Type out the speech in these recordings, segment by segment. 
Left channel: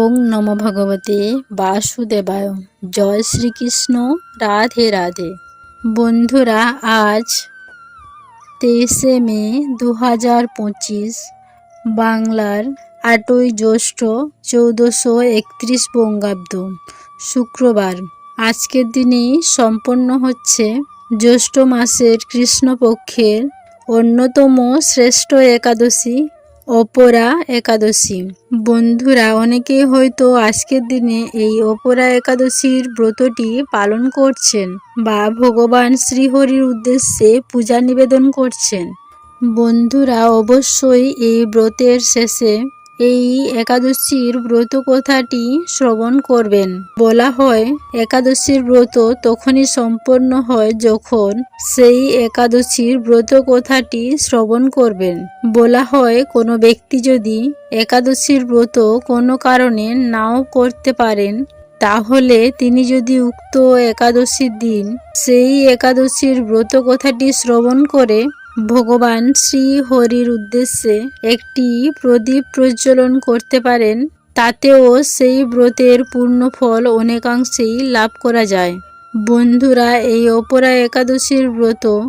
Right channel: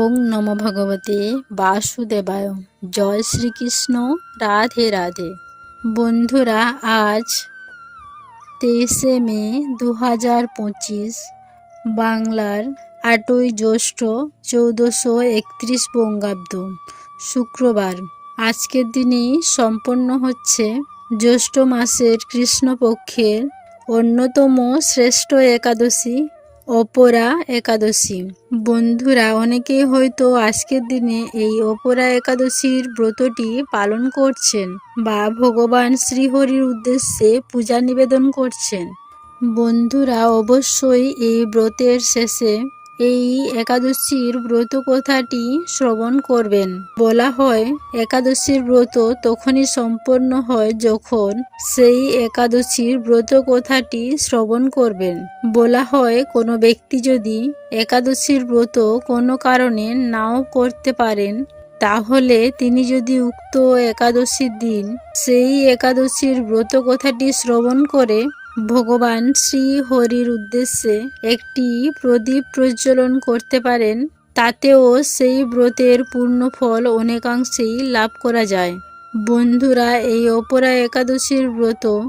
ওং নম ভগবতে বাসুদেবায়। জয় শ্রীকৃষ্ণ, রাধে রাধে। বন্ধুরা, আজ তেইশে মে দু হাজার পঁচিশ, বাংলার আটই জ্যৈষ্ঠ চৌদ্দশো একত্রিশ বঙ্গাব্দ, শুক্রবার। আজকের দিনেই সম্পন্ন হচ্ছে জ্যৈষ্ঠ মাসের কৃষ্ণপক্ষের অন্যতম শ্রেষ্ঠ একাদশী অপরা একাদশী। বন্ধুরা অনেকেই হয়তো আজকের দিনে এই অপরা একাদশীর ব্রতটি পালন করছেন বা ভগবান শ্রীহরির উদ্দেশ্যে পূজা নিবেদন করছেন। বন্ধুরা, অবশ্যই এই ব্রতের শেষে এই একাদশীর ব্রত কথাটি শ্রবণ করবেন। বলা হয়, একাদশীর ব্রত তখনই সম্পন্ন হয় যখন সেই একাদশীর ব্রত কথাটি শ্রবণ করবেন। বলা হয়, কোনো ব্যক্তি যদি একাদশীর ব্রত কোনো কারণে নাও করতে পারেন, তাহলে তিনি যদি উক্ত একাদশীর দিন সেই একাদশীর ব্রত কথাটি শ্রবণ করে ভগবান শ্রী হরির উদ্দেশ্যে একটি প্রদীপ প্রজ্বলন করতে পারেন, তাতেও সেই ব্রতের পূর্ণ ফল অনেকাংশেই লাভ করা যায়। বন্ধুরা, এই অপরা একাদশীর ব্রত,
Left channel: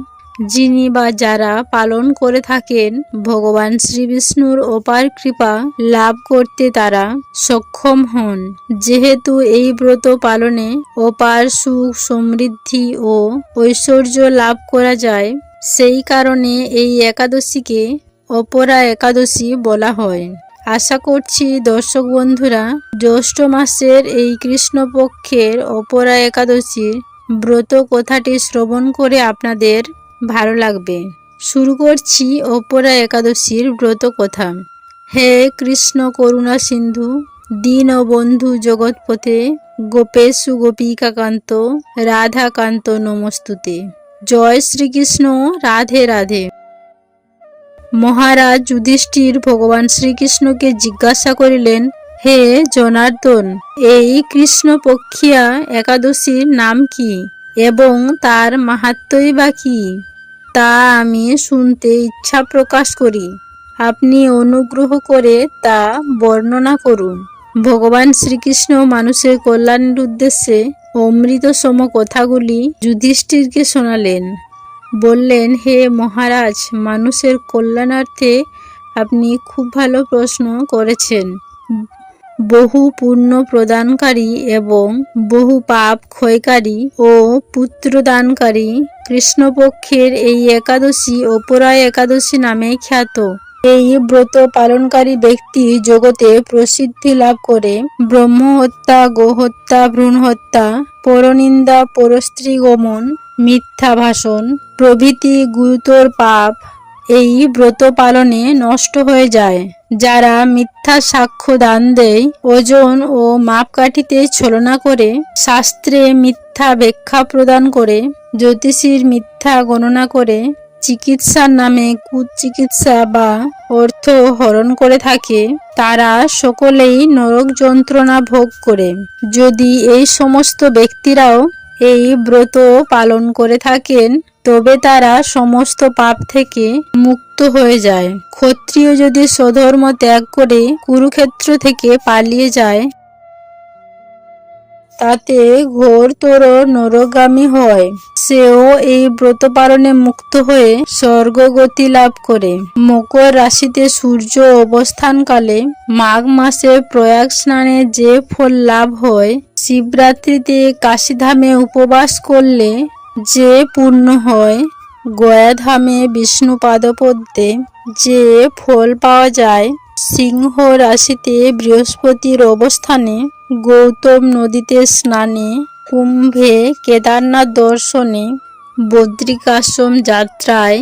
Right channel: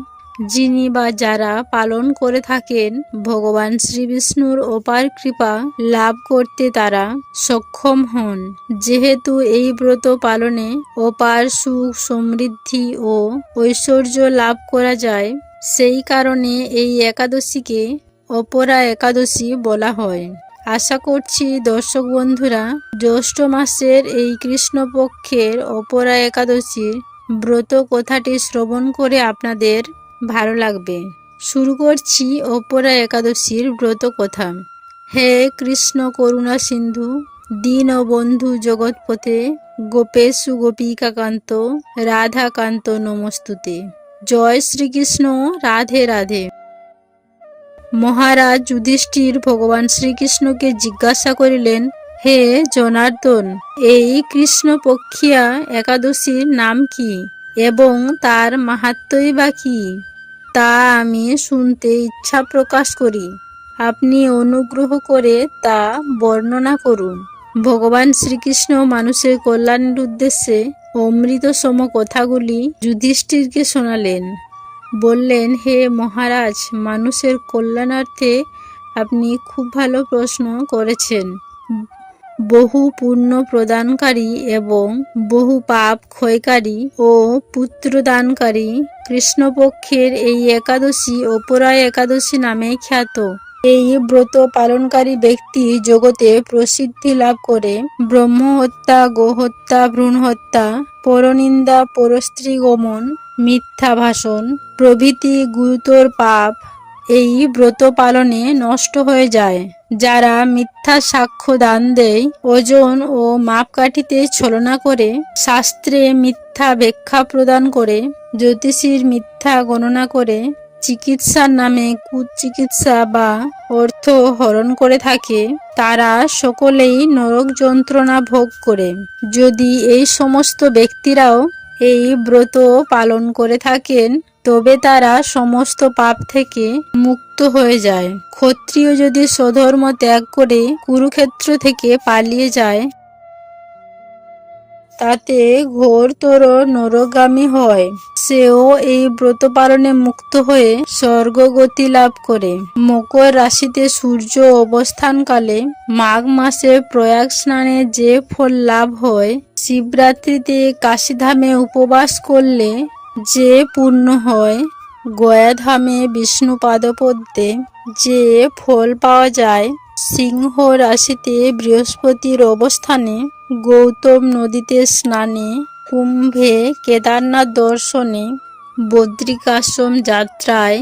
যিনি বা যারা পালন করে থাকেন, ভগবান শ্রী বিষ্ণুর অপার কৃপা লাভ করতে তারা সক্ষম হন। যেহেতু এই ব্রত পালনে অপার সুখ সমৃদ্ধি ও ঐশ্বর্য লাভ করা যায় সেই কারণে এই একাদশীকে অপরা একাদশী বলা হয়। আশা করছি দর্শক বন্ধুরা, জ্যৈষ্ঠ মাসের এই কৃষ্ণপক্ষের অপরা একাদশীর ব্রত কথাটি শ্রবণ করে আপনাদের ভালো লাগবে। শুরু করছি অপরা একাদশীর ব্রত কথা। হে কৃষ্ণ করুণা সিন্ধু, দীন বন্ধু জগৎপথে গোপেশু গোপিকাকান্ত, রাধাকান্ত নমস্তুতে। জয় শ্রীকৃষ্ণ, রাধে রাধে। মহারাজ যুধিষ্ঠির ভগবান শ্রীকৃষ্ণকে জিজ্ঞাসা করিলেন, হে জনার্দন, এই কৃষ্ণপক্ষিয়া একাদশীর নাম কি এবং তার মাহাত্মই বা কি? তা আমি শুনতে ইচ্ছা প্রকাশ করি। আপনি অনুগ্রহ করে তা বর্ণনা করুন। ভগবান শ্রীকৃষ্ণ মানুষের কল্যাণের উদ্দেশ্যে অমৃত সম কথাগুলি যুধিষ্ঠিরকে শোনালেন। বললেন, হে মহারাজ, মানুষের কল্যাণার্থে আপনি খুব ভালো প্রশ্ন করেছেন। বহু পুণ্য প্রদানকারী এবং বহু পাপ ক্ষয়কারী ও পুত্রদানকারী কৃষ্ণপক্ষের এই একাদশী অপরায় একাদশী নামে খ্যাত। এই ব্রত পালনকারী ব্যক্তি জগতে প্রসিদ্ধি লাভ করে। ব্রহ্ম হত্যা গোহত্যা ভ্রূণ হত্যা পরনিন্দা পরস্ত্রী গমন মিথ্যা ভাষণ প্রভৃতি গুরুতর পাপ, এই ব্রত পালনে নষ্ট হয়ে যায়। যারা মিথ্যা সাক্ষ্য দান দেয়, ওজন ও মাপকাঠিতে ছলনা করে, শাস্ত্রে মিথ্যা ব্যাখ্যা প্রদান করে, জ্যোতিষীর মিথ্যা গণনা করে চিকিৎসার নামে কুচিকিৎসা বা অর্থ হরণ করে থাকে, তারা সকলেই নরক যন্ত্রণা ভোগ করে। যদি এই সমস্ত ব্যক্তিরাও এই ব্রত পালন করে থাকেন, তবে তারা সমস্ত পাপ থেকে মুক্ত হয়ে যায়। ক্ষত্রিয় যদি স্বধর্ম ত্যাগ করে কুরুক্ষেত্র থেকে পালিয়ে যায়, তাতে ঘোরতর নরগামী হয়। সেও এই ব্রত পালনে মুক্ত হয়ে স্বর্গগতি লাভ করে। মকর রাশিতে সূর্য অবস্থানকালে মাঘ মাসে প্রয়াগ স্নানে যে ফল লাভ হয়, শিবরাত্রিতে কাশীধামে উপবাস করলে যে পূর্ণ হয়, গয়াধামে বিষ্ণু পাদপদ্মে যে ফল পাওয়া যায়, সিংহ রাশিতে বৃহস্পতির অবস্থানে গৌতম নদীতে স্নানে কুম্ভে কেদারনাথ দর্শনে বদ্রিকাশ্রম যাত্রায়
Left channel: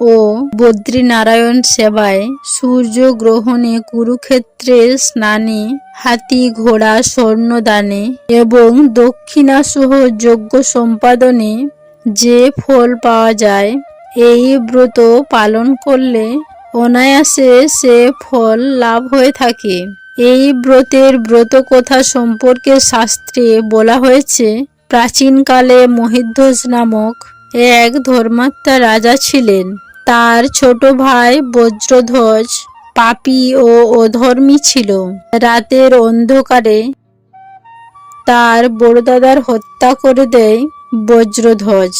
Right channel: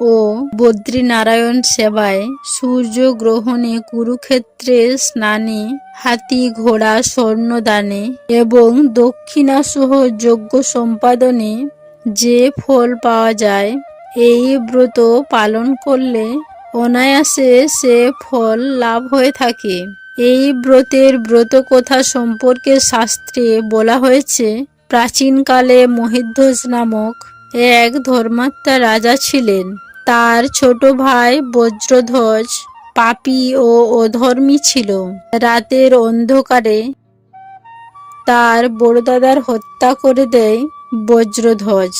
ও বদ্রীনারায়ণ সেবায় সূর্য গ্রহণে কুরুক্ষেত্রে স্নানে হাতি ঘোড়া স্বর্ণদানে এবং দক্ষিণাসহ যজ্ঞ সম্পাদনে যে ফল পাওয়া যায়, এই ব্রত পালন করলে অনায়াসে সে ফল লাভ হয়ে থাকে। এই ব্রতের ব্রত কথা সম্পর্কে শাস্ত্রে বলা হয়েছে, প্রাচীনকালে মহিধ্বজ নামক এক ধর্মাত্মা রাজা ছিলেন। তার ছোট ভাই বজ্রধ্বজ পাপী ও অধর্মী ছিল। রাতের অন্ধকারে তার বড়দাদার হত্যা করে দেয় বজ্রধ্বজ।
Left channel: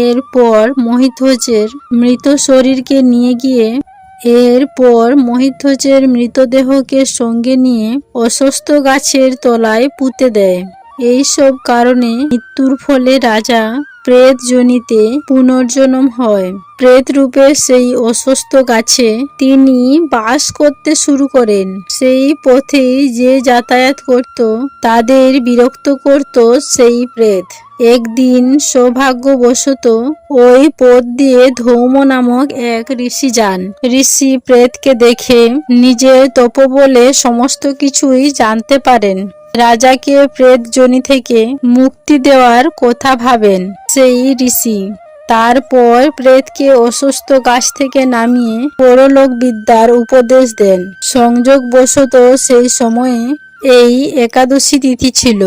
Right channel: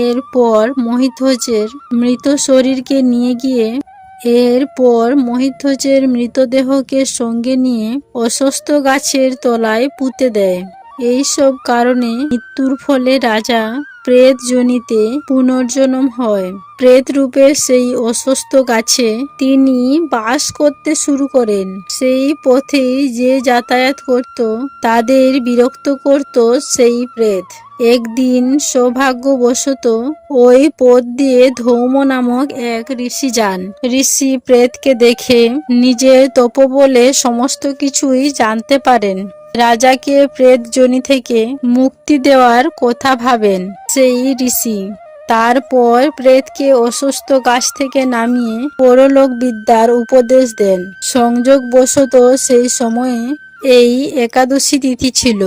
এরপর মহিধ্বজের মৃত শরীরকে নিয়ে গিয়ে এরপর মহিধ্বজের মৃতদেহকে সঙ্গে নিয়ে অসুস্থ গাছের তলায় পুঁতে দেয়। এইসব কারণে মৃত্যুর ফলে রাজা প্রেত জনিতে পুনর্জন্ম হয়। প্রেত রূপে সেই অসুস্থ গাছে তিনি বাস করতে শুরু করেন। সেই পথে যে যাতায়াত করত, তাদের বিরক্ত করত সেই প্রেত। একদিন সৌভাগ্যবশত ওই পথ দিয়ে ধৌম নামক এক ঋষি যান। ঋষি প্রেতকে দেখে নিজের তপবলে সমস্ত কিছুই জানতে পারেন। রাজাকে প্রেত জনি থেকে মুক্তি দেওয়ার কথা ভাবেন সেই ঋষি। তারপর প্রেতকে অসুস্থ গাছ থেকে নামিয়ে পরলোক বিদ্যার উপদেশ দেন। সংযোগ সংযোগবশত সেই সময়ে এই একাদশী তিথি ছিল।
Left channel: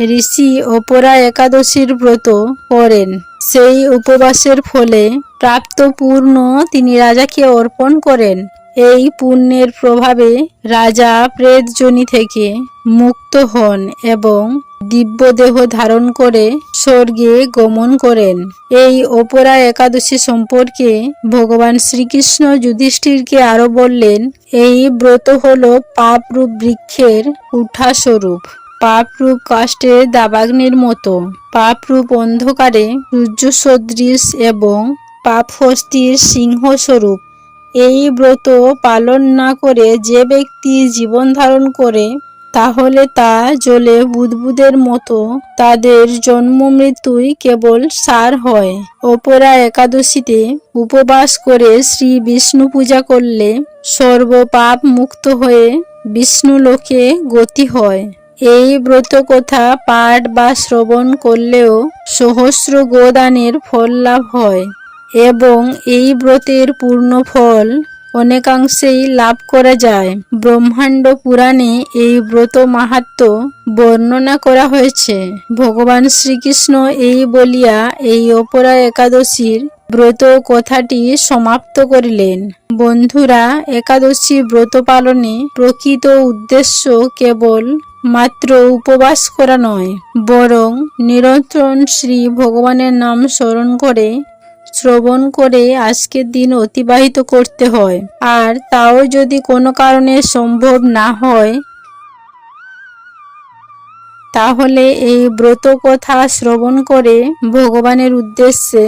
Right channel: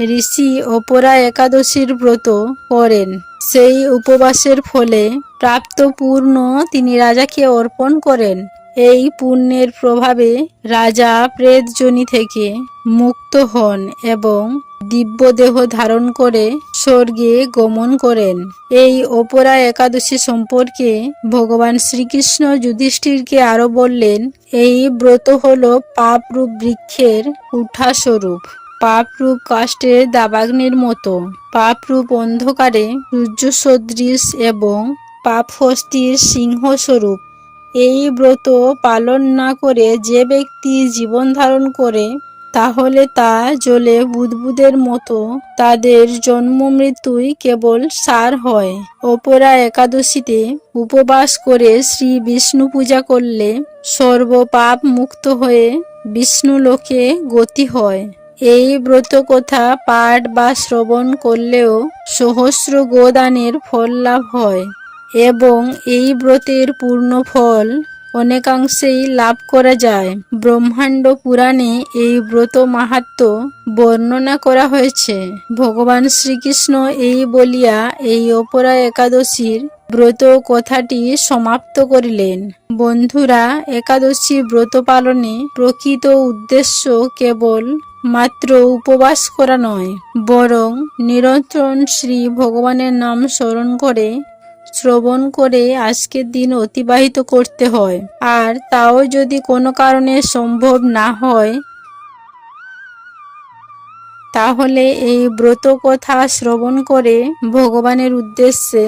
ঋষি অপরা একাদশীর ব্রত করেন। সেই উপবাসের ফলে প্রাপ্ত পূর্ণ তিনি রাজাকে অর্পণ করেন। এই পুণ্যের প্রভাবে রাজা প্রেতজনি থেকে মুক্ত হন এবং দিব্যদেহ ধারণ করে স্বর্গে গমন করেন। এই অপরা একাদশী সম্পর্কে ভগবান শ্রীকৃষ্ণ যুধিষ্ঠিরকে আরও বললেন, এই ব্রত হল পাপরূপ বৃক্ষের উঠা স্বরূপ পাপরূপ কাষ্টের দাবাগ্নির মতো। পাপরূপ অন্ধকারে সূর্য সদৃশ এবং পাপ হস্তির সিংহ স্বরূপ এই ব্রত পালন না করে যে ব্যক্তি জীবন ধারণ করে তাহলে তা জলে বুদবুদের মতো। তাদের জন্ম মৃত্যুই কেবল সার হয়। অপরা একাদশীতে উপবাস করে শ্রী বিষ্ণু পূজা করলে সর্বপাপ মুক্ত হয়ে বিষ্ণু লোকে গতি হয়। এই ব্রত কথা পাঠ বা শ্রবণ করলেও সহস্র গোদানের ফল লাভ হয় এবং এই ব্রতের পূর্ণ ফল অনেকাংশেই লাভ করা যায়। ব্রহ্মাণ্ড পুরাণে এই ব্রত মাহাত্ম বর্ণনা করা হয়েছে। ভগবান শ্রীকৃষ্ণ এই বলিয়া এই অপরা একাদশীর ব্রত কথাটি সমাপ্ত করিলেন। বন্ধুরা, একাদশী ব্রত পালনে প্রকৃত উদ্দেশ্য কেবল মাত্র উপবাস করা নয়, বরং নিরন্তর শ্রী ভগবানের নাম স্মরণ করে শ্রবণ করে আজকের দিন অতিবাহিত করতে হয়। আর তাও যদি কোনো কারণে সম্ভব না হয়, তাহলে এই ব্রত কথা শ্রবণ করে ভগবানের উদ্দেশ্যে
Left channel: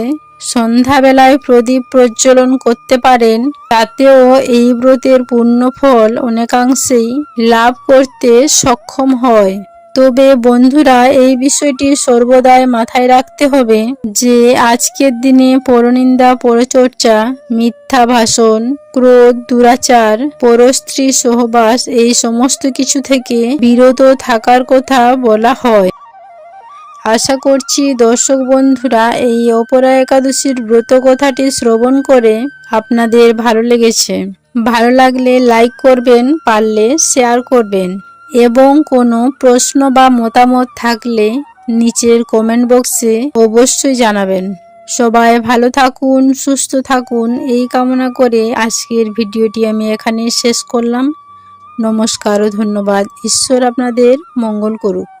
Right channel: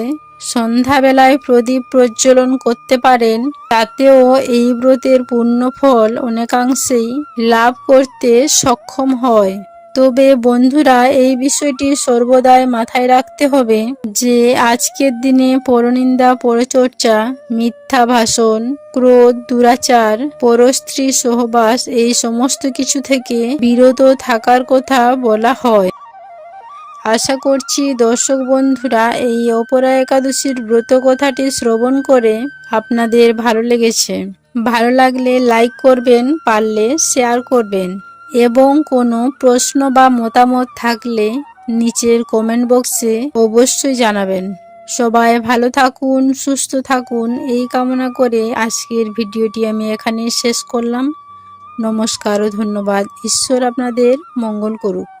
সন্ধ্যাবেলায় প্রদীপ প্রজ্বলন করতে পারেন। তাতেও এই ব্রতের পূর্ণ ফল অনেকাংশেই লাভ করতে সক্ষম হয়। তবে বন্ধুরা, এই বিষয়টি সর্বদাই মাথায় রাখতে হবে যে আজকের দিনে পরনিন্দা, পরচর্চা, মিথ্যা ভাষণ, ক্রোধ, দুরাচার, পরস্ত্রী, সহবাস, এই সমস্ত কিছু থেকে বিরত থাকার কথা বলা হয়। আশা করছি দর্শক বন্ধুরা, এই অপরা একাদশীর ব্রত কথাটি শ্রবণ করে আপনাদের ভালো লেগেছে। ভালো লাগলে লাইক করবেন, পারলে শেয়ার করবেন। এবং কোনো প্রশ্ন বা মতামত থাকলে নিচের কমেন্ট বক্সে অবশ্যই জানাবেন। সবাই ভালো থাকুন, সুস্থ থাকুন। এই কামনা করে আজকের ভিডিওটি আমি এখানে শেষ করলাম। নমস্কার ও ধন্যবাদ। ঈশ্বর আপনাদের মঙ্গল করুক।